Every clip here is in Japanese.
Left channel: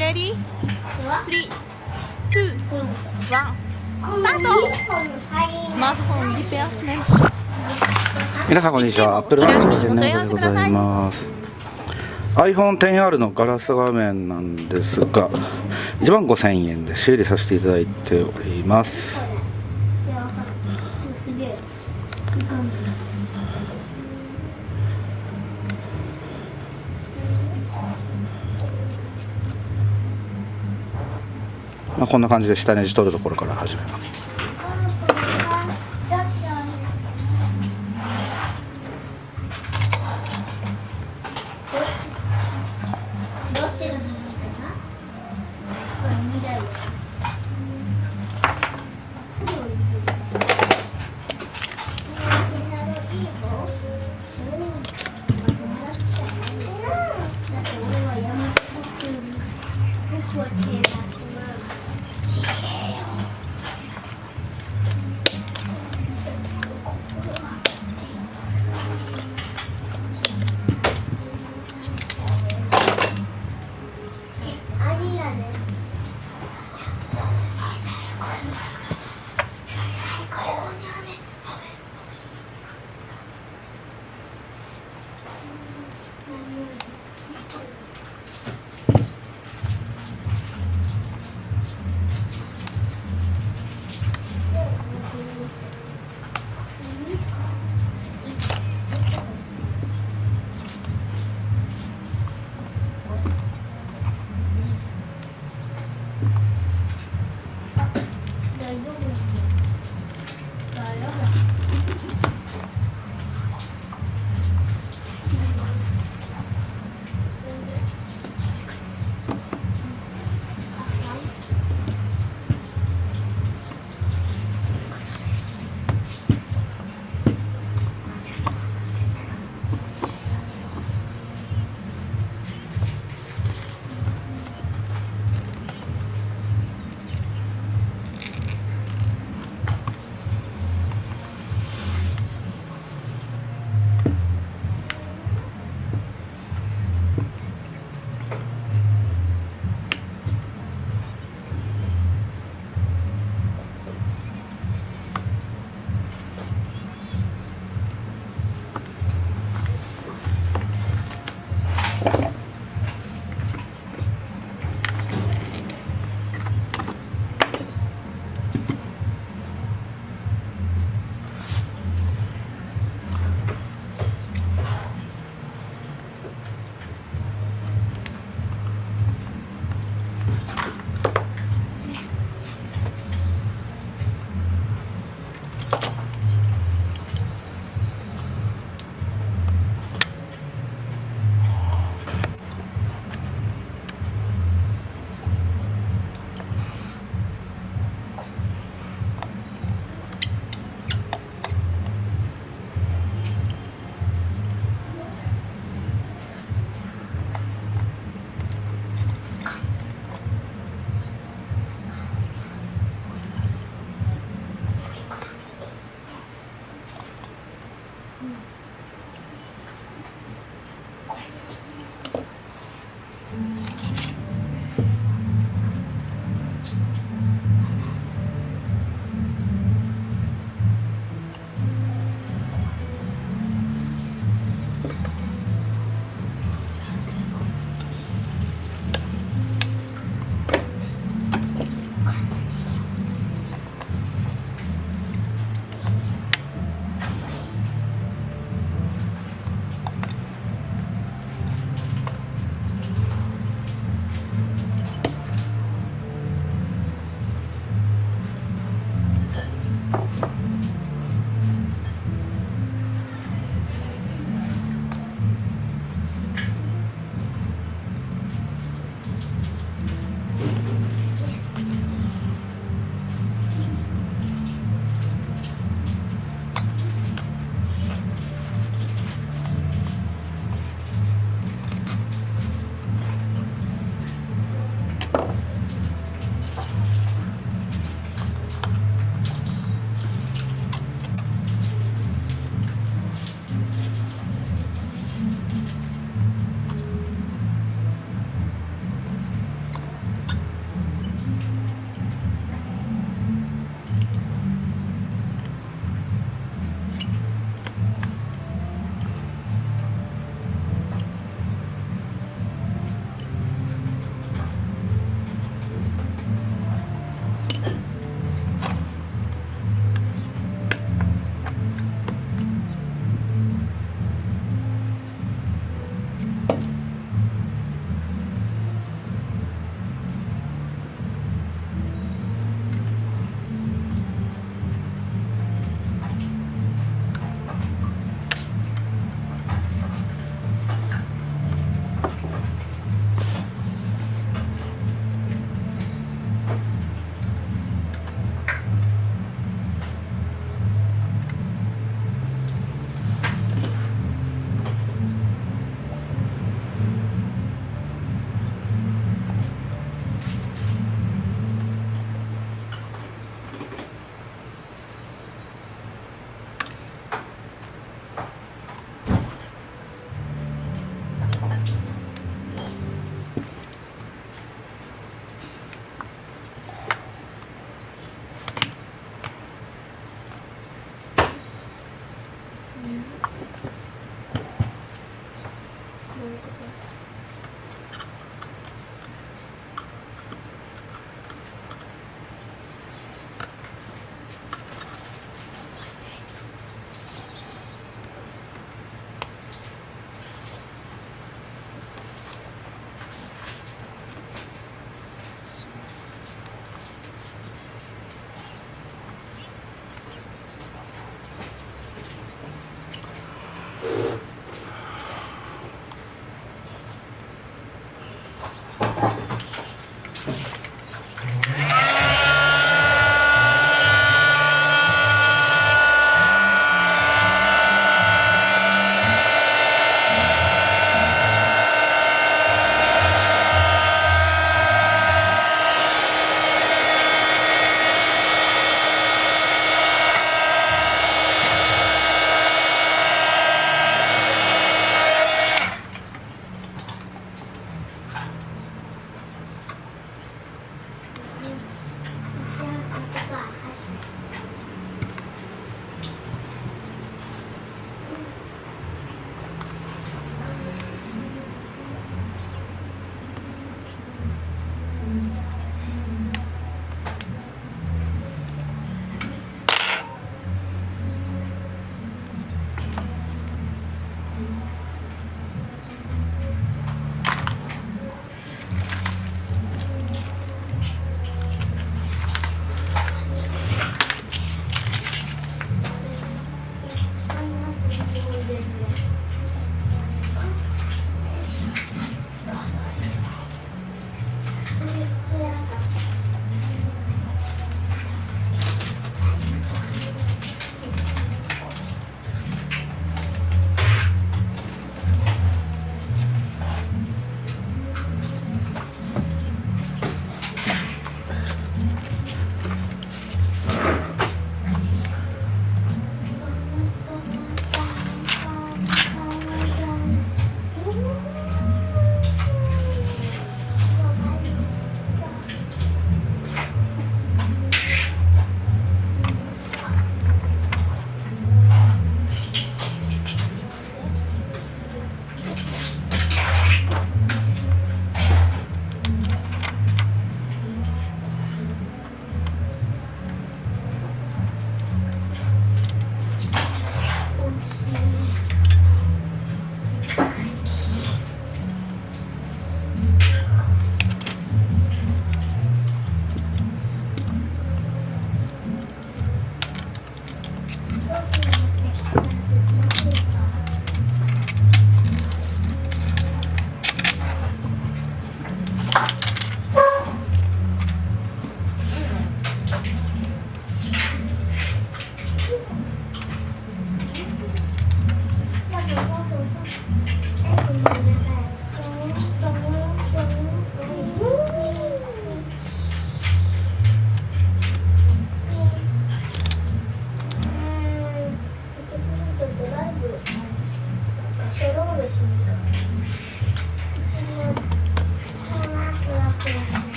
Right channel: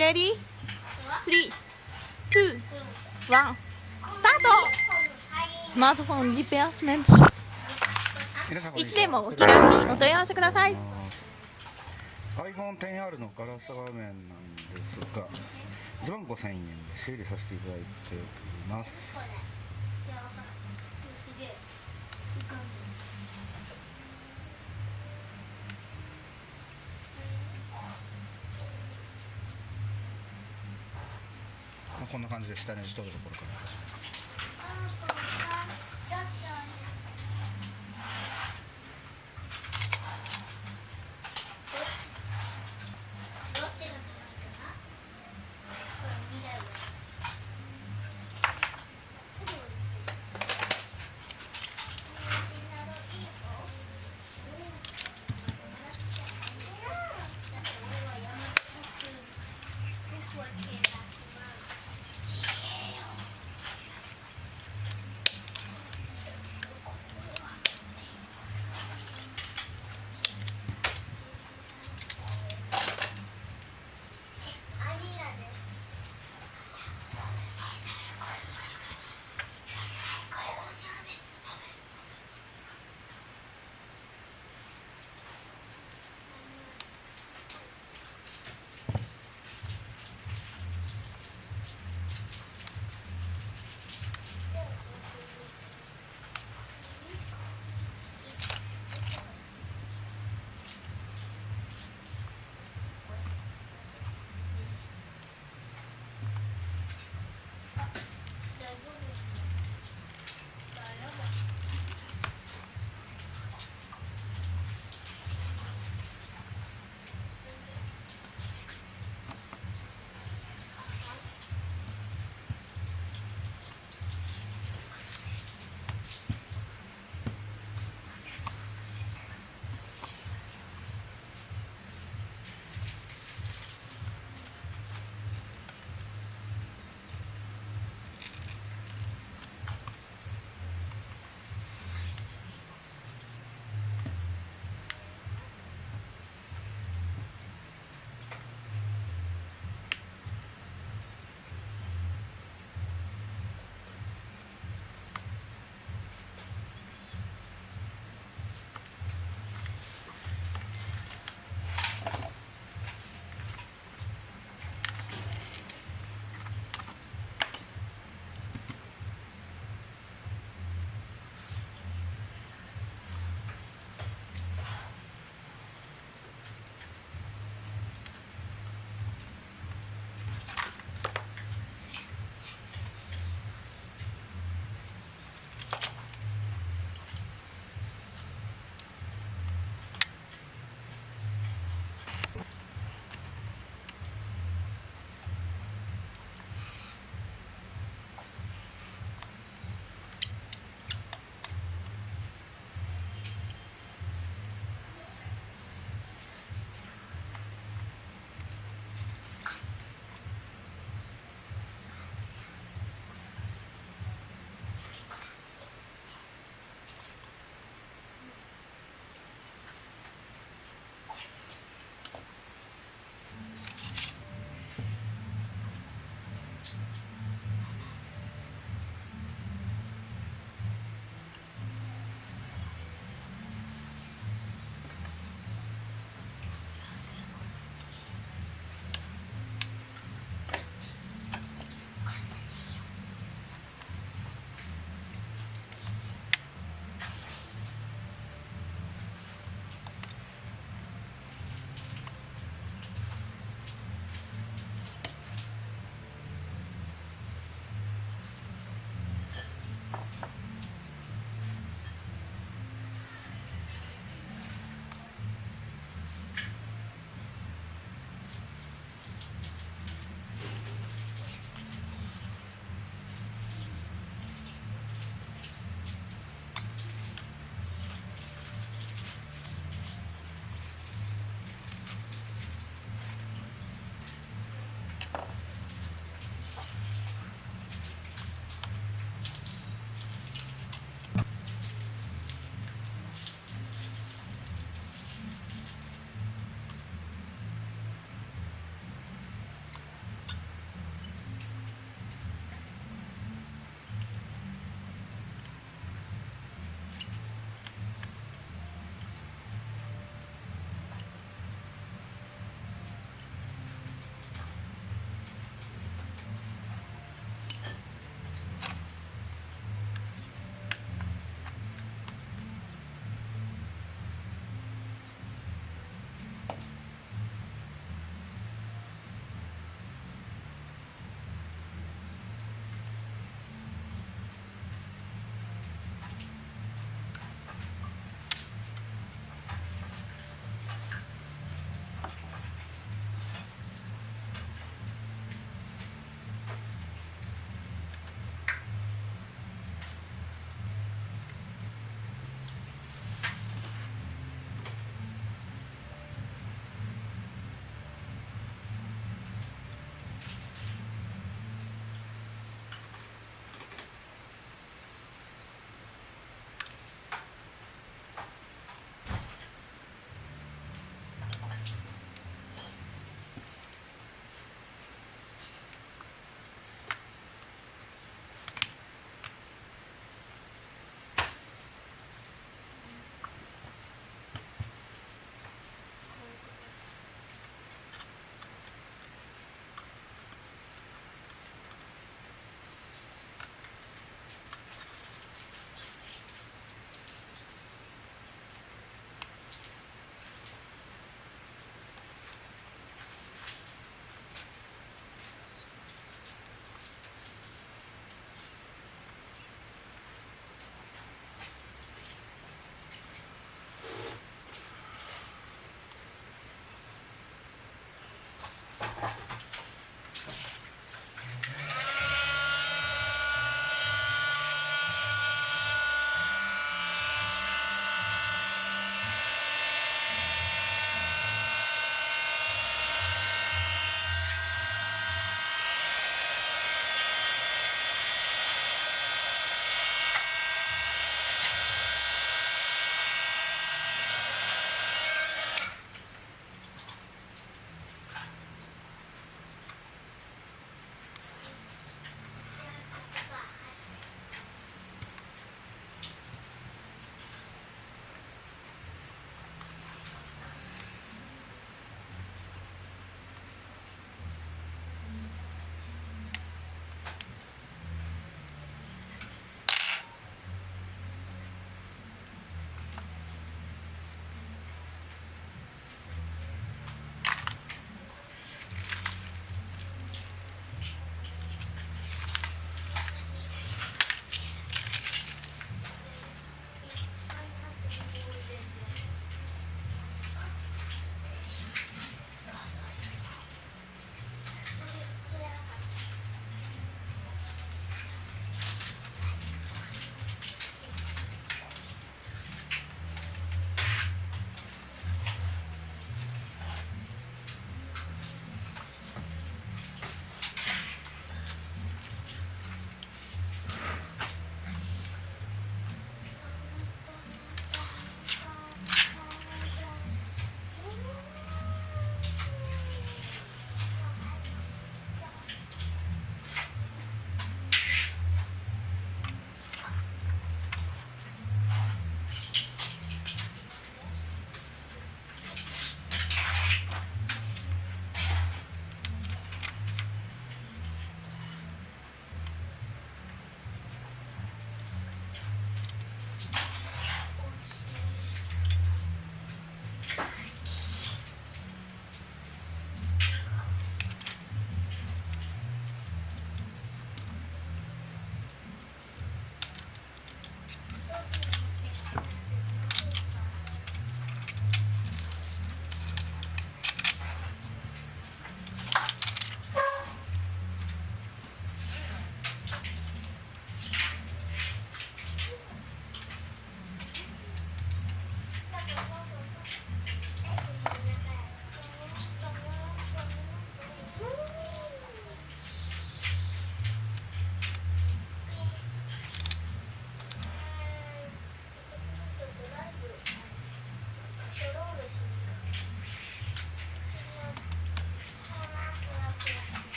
ready? 3、2、1、スタート。スマートフォンリペアスメントショップ。皆さんこんにちは。いつでも気軽にお問い合わせください。 iPhone XR のガラス画面なんですが、15,000円で修理させていただいております。こんな感じで下ネジ取るところから始めます。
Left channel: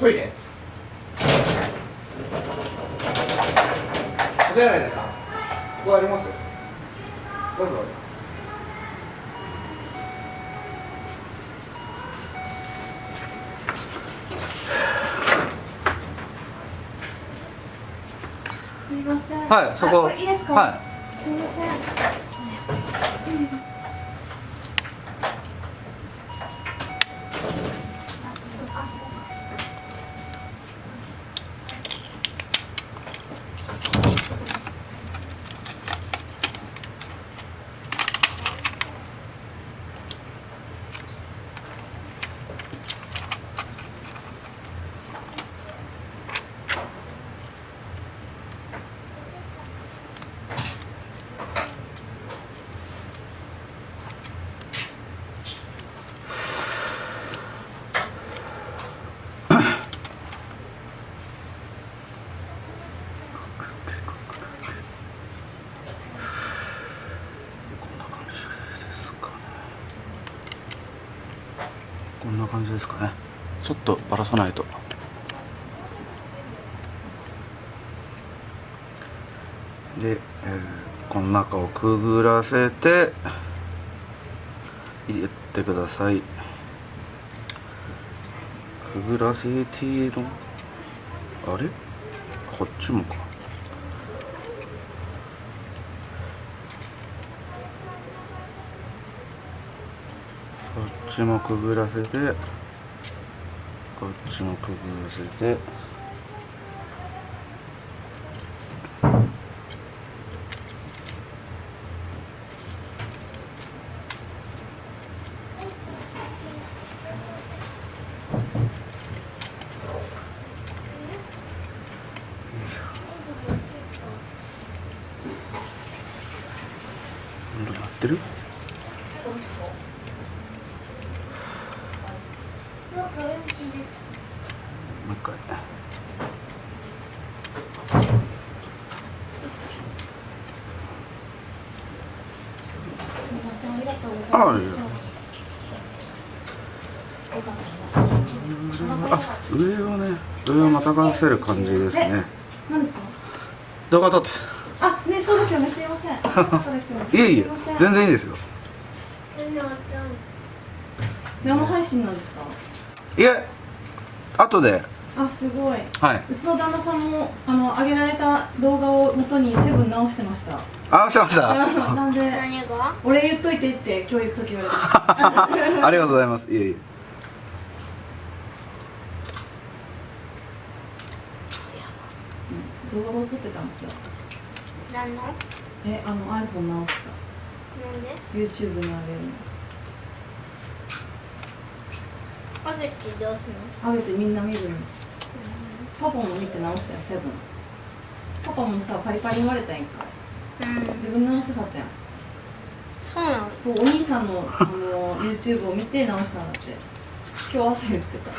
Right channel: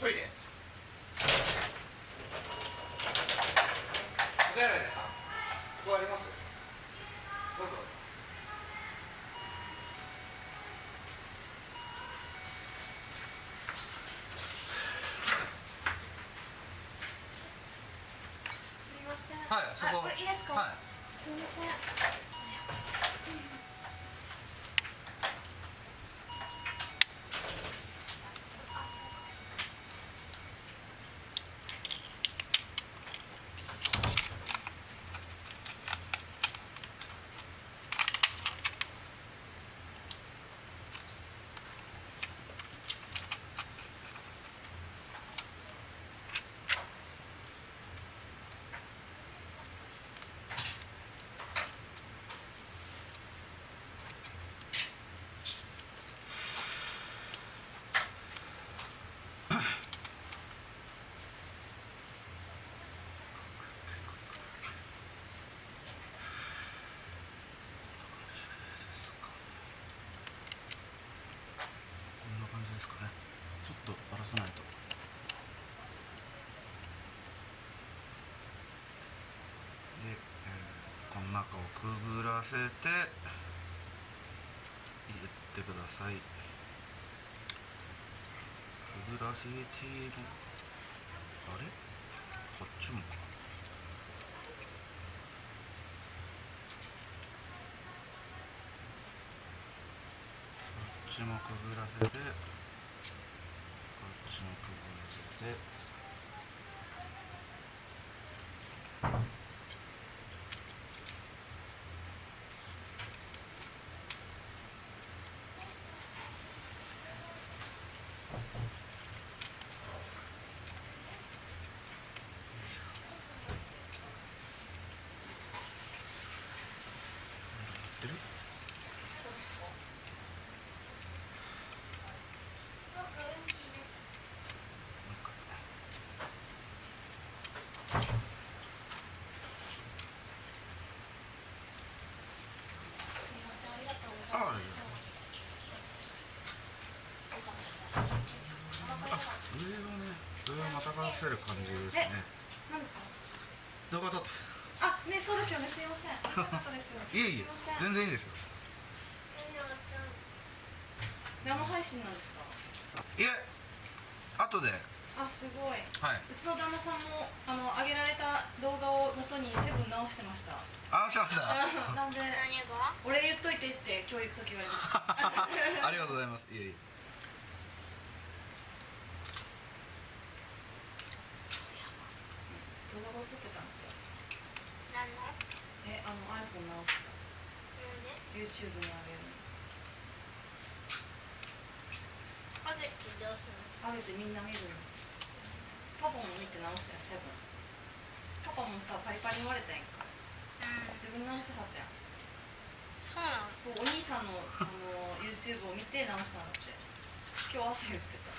トイレお手洗いですか。ここあります。どうぞ。すみません。はい、そこ。これいいですか。はすみません。こんな感じですかね。ちょっとばらさないと。で、この中をくぐらせて入れてください。くぐらせている。あれ、こっちもか。こっちもくぐらせて、こっちもくぐらせて。どうなってる？もう一回。すみません。ありがとうございあ、ます。上をね、上をまたがせる感じですね。何ですか。動画撮って。あ、ね、そうですよね。すみません。そうですよね。いえいえすみません、全然いいですよ。生配信なんですか。いえ、後で。あ、すごい。はい。うちの旦那さんも上げられた動画を元にセブン直してました。あ、してました。なんで何が？俺言っといてって教育時言われて。ありがとうございます。いえいえ。動画を撮ってたんだ。何の？ iPhone 直すさ。なんで？ YouTube に上げるあげてどうすの。上げてみんな見るの。パパも見て直したよ、セブン。パパもさ、パリパリ言われたやんか。の？自分で直したかったやん。そうなの？そう、お兄さんのYouTube を見て直したんだって。今日朝言ってた。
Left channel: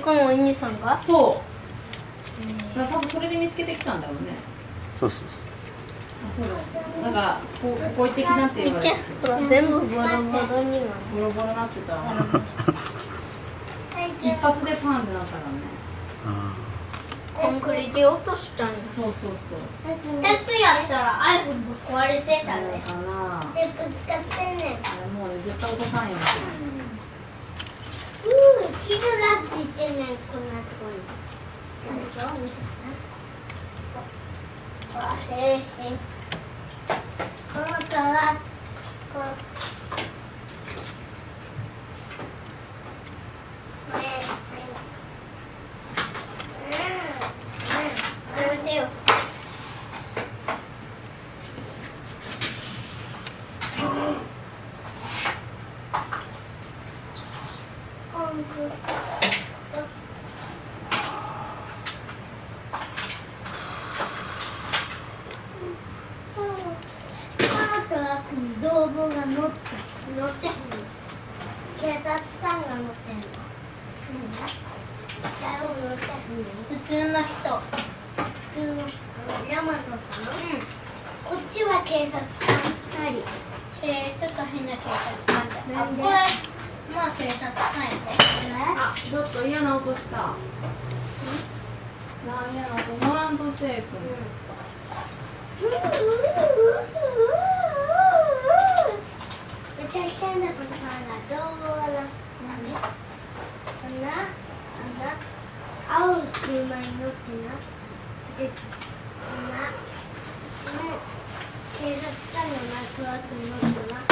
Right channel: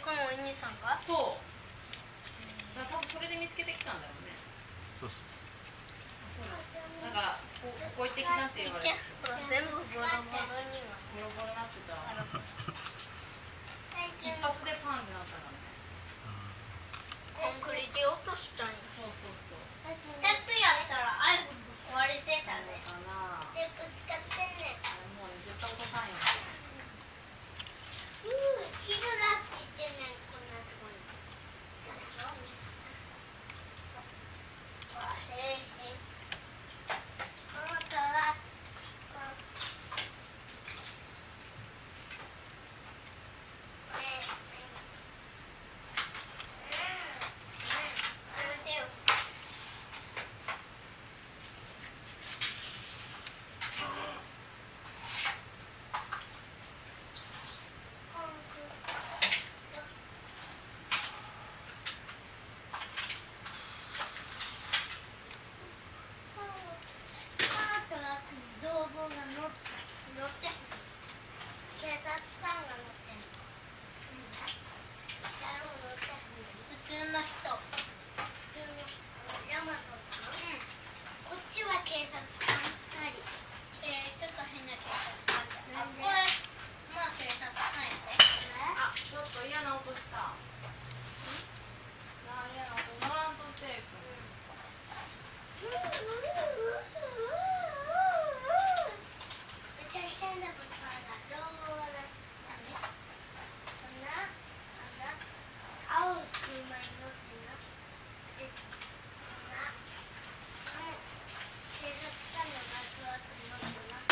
このお兄さんが？そう。多分それで見つけてきたんだろうね。そうそうあ、そうだ。だからここ行ってきなって言われて。ほら全部ボロボロには。ボロボロなってた。一発でパンってなったからね。コンクリで落としたんや。そうそうそう。鉄やったら iPhone ぶっ壊れてたね。かな。テープ使ってんねん。もうね、絶対落とさんよ。傷がついてんねん、こんなとこに。そう。あ、へえ。このからこのやめてよ。泥棒が乗ってへん。警察さんが乗ってんの。誰も乗ってへん。普通の人。普通の大和さん。こっちは警察官2人。ちょっと変な警察官だ。これまあ警察官やで。ちょっと嫌な音した。なあ、嫌な音乗らんとって。めっちゃ変なことからどうもなんで青い車に乗ってなで警察官のトラックに乗ってな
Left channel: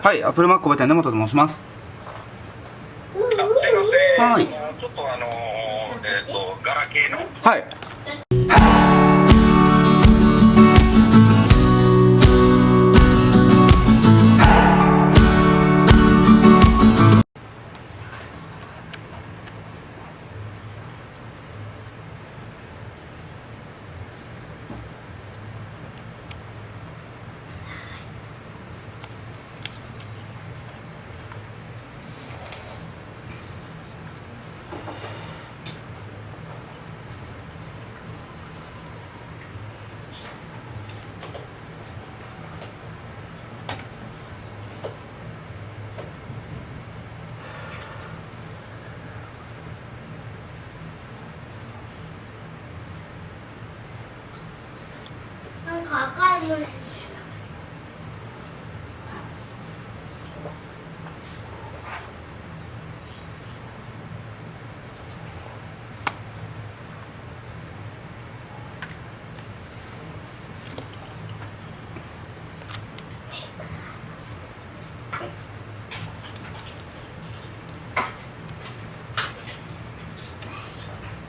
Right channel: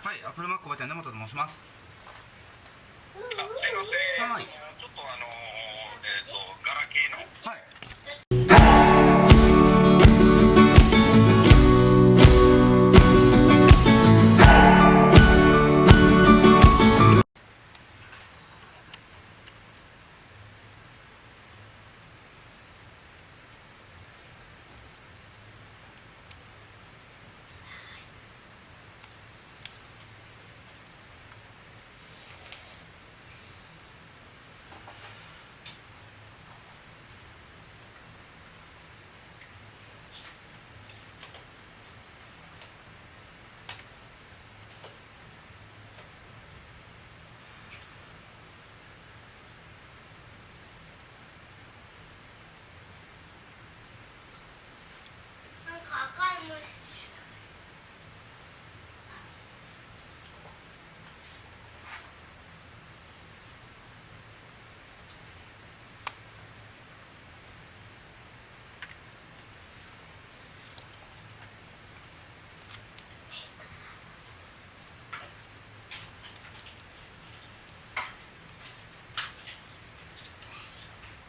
はい、アップルマック店根本と申します。すいません。はいちょっとガラケーの。はい。なんか赤いの。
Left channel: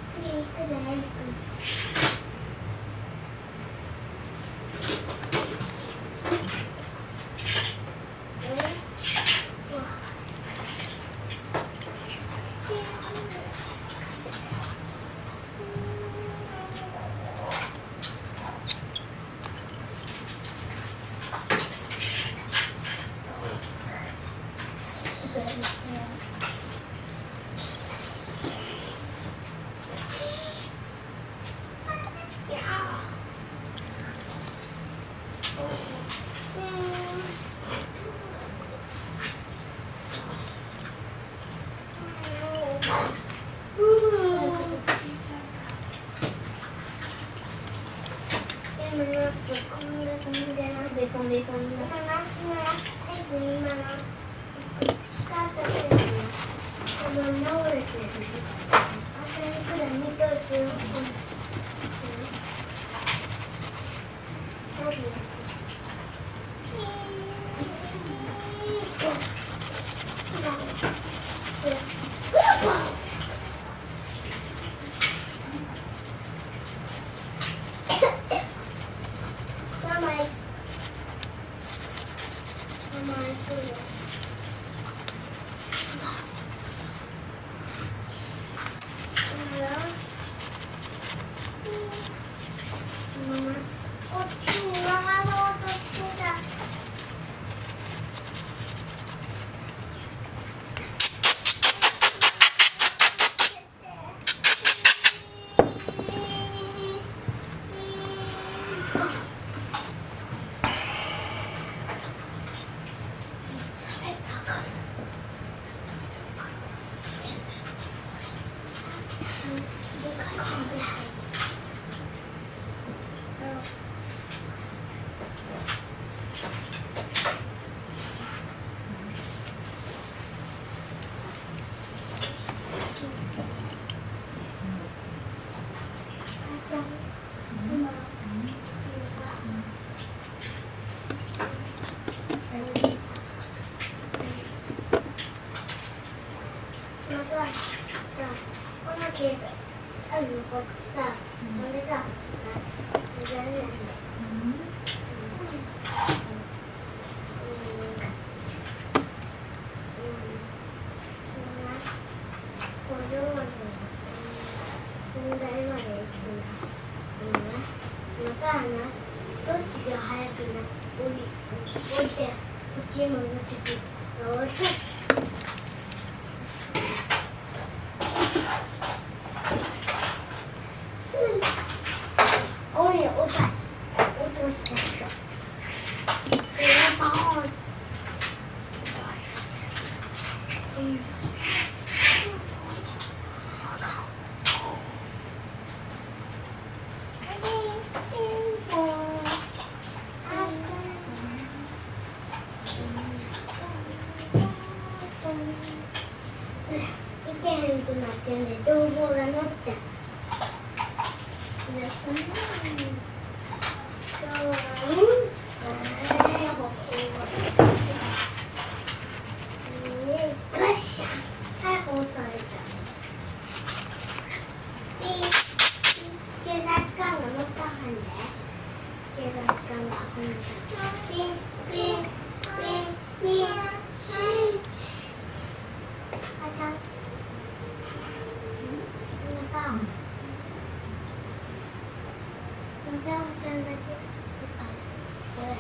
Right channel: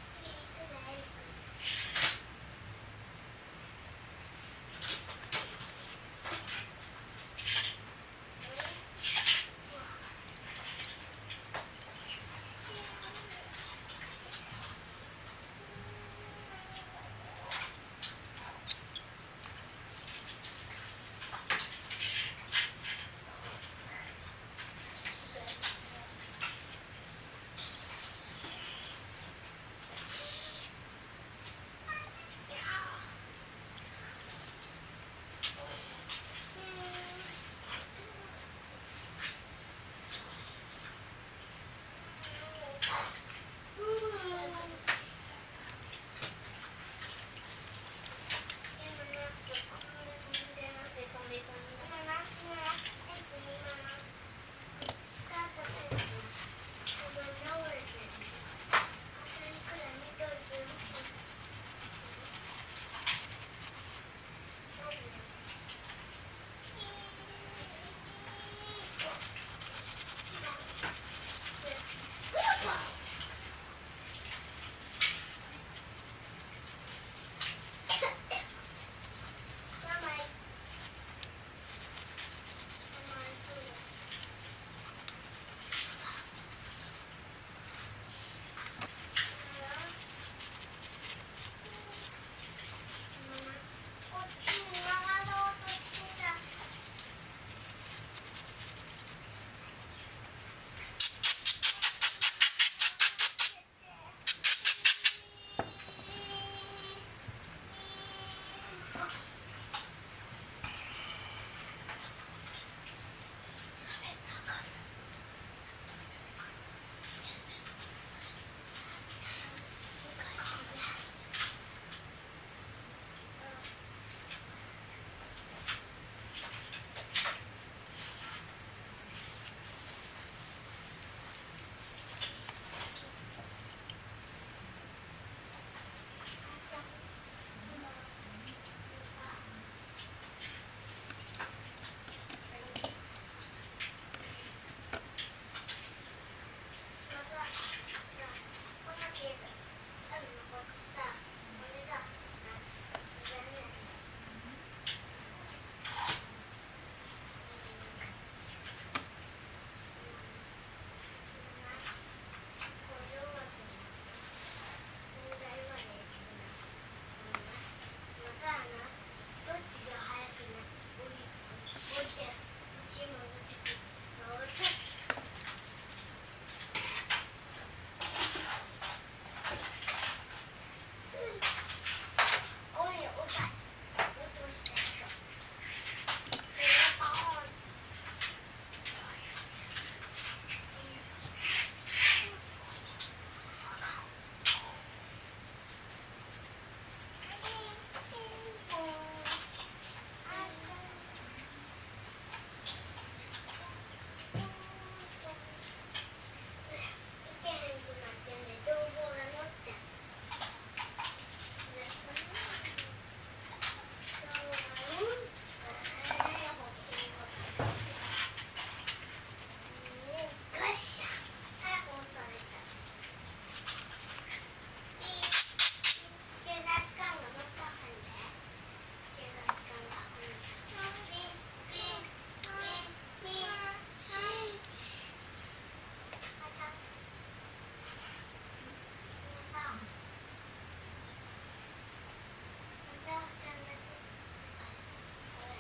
次行くで、エリ君。こっちに曲がろうとしてた。どっちが早くな降りてこっちに戻ってくる。ガッシャン逮捕された。警察官が乗ったはんで。警察官がピンピンピンピン。あた。皆さん。またおちゃんだけ。これ。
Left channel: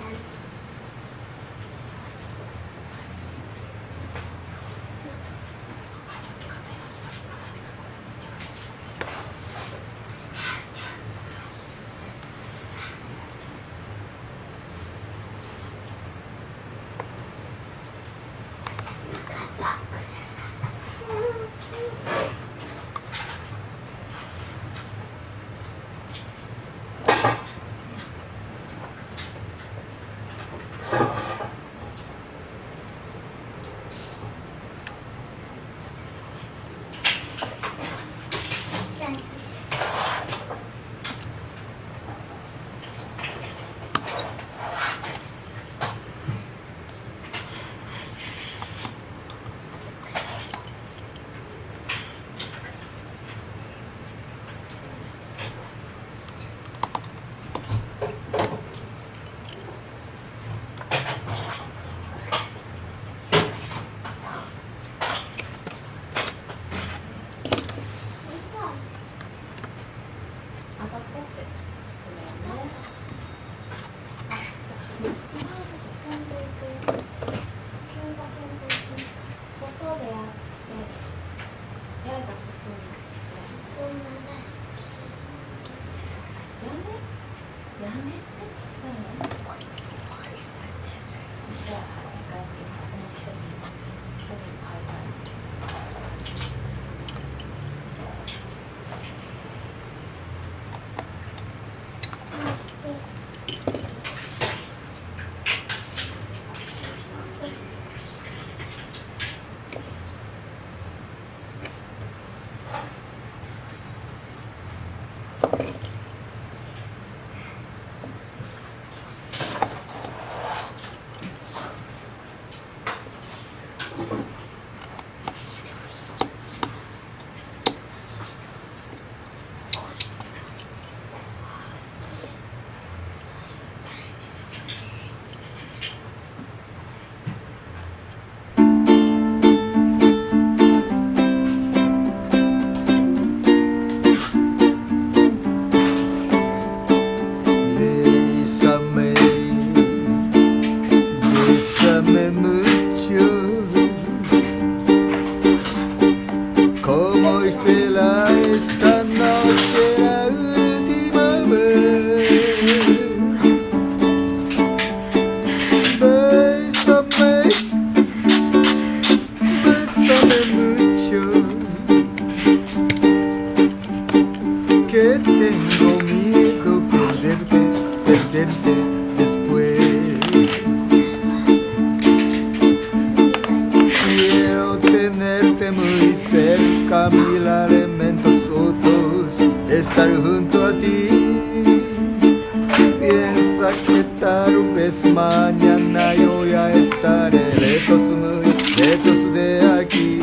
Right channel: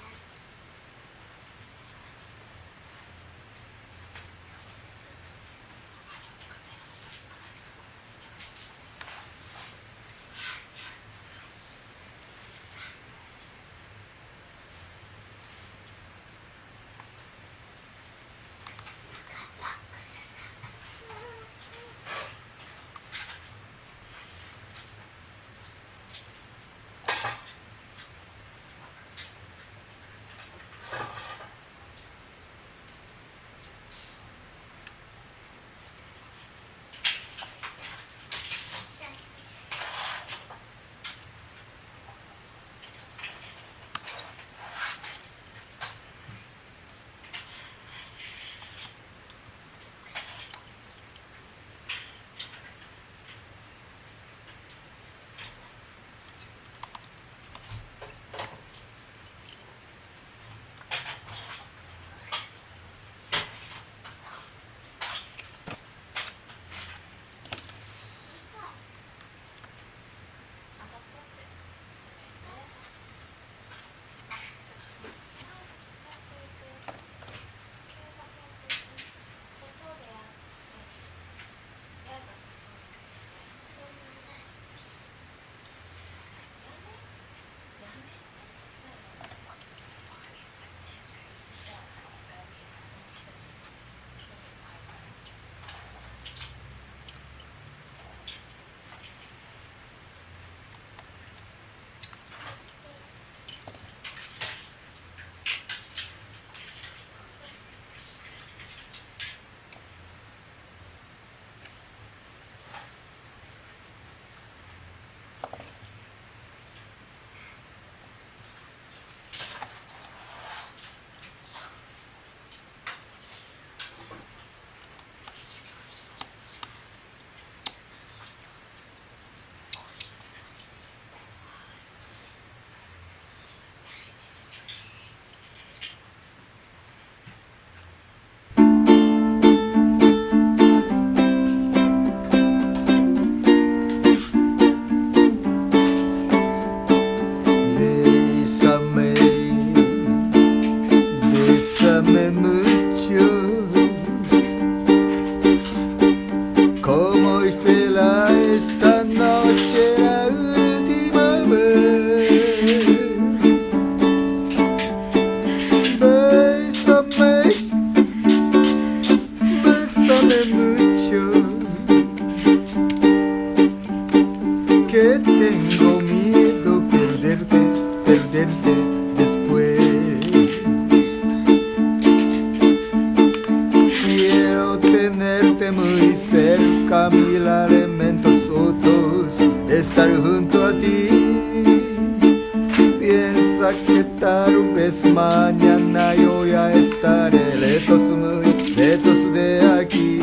Mañana yo ya estaré lejos, muy lejos de aquí.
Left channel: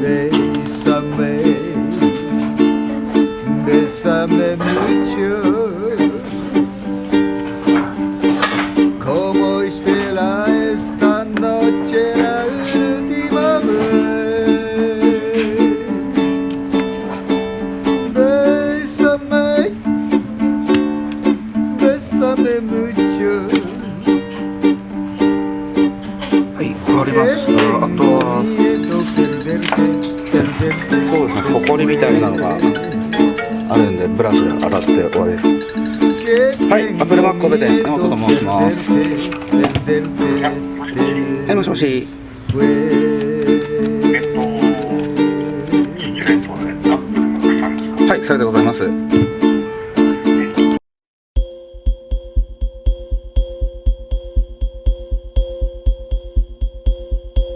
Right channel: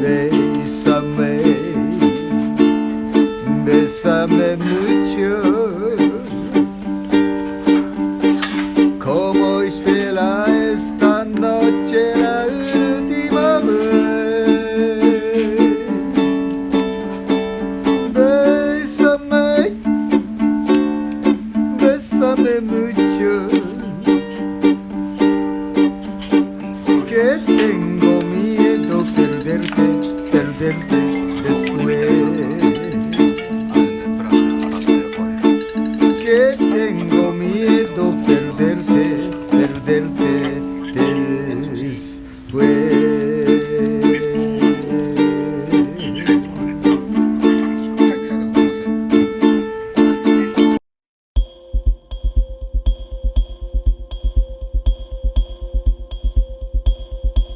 Bésame, bésame mucho. Como espera esta noche la última vez. Bésame, bésame mucho. Que tengo miedo perderte, perderte ほこりみたいなのがあるんでブラシで洗って終わりです。 Que tengo miedo